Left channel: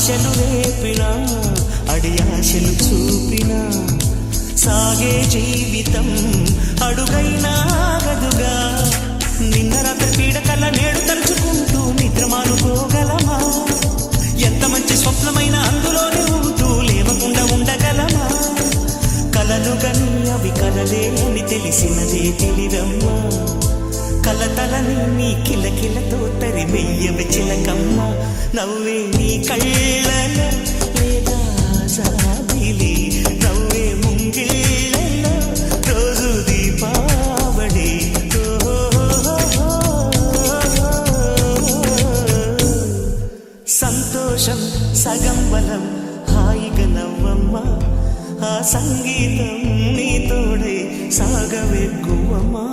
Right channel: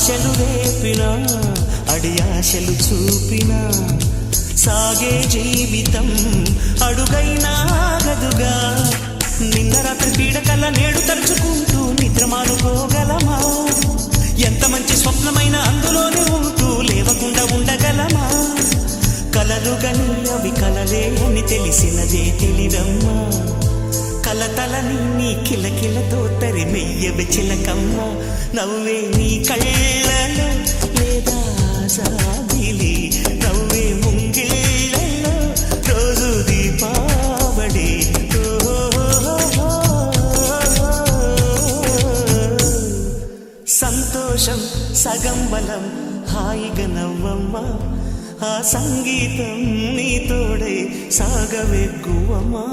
ఆశలు రేపినా అడియాశలు చూపినా సాగే జీవితం అడుగైనా ఆగదుగా. నిన్న రాత్రి పీడకల నేడు తలుచుకుంటూ నిద్రమానుకోగలమా? ఎంత మంచి స్వప్నమైన అందులోనే ఉంటూ లేవకుండా ఉండగలమా? కలలుగని అవి కలలే అని తెలిసినదే తెలివమ్మా. కలతలని నీ కిలకిలతో తరిమెయ్యవి చిలకమ్మ. నవ్వే నీ కళ్ళలో లేదా జాబిలి, నవ్వే ముంగిళ్ళలో రోజు దీపావళి. సంతోషం సగం బలం, హాయిగా నవ్వమ్మా. ఆ సంగీతం నీ తోడై సాగవెగ్గువమ్మా.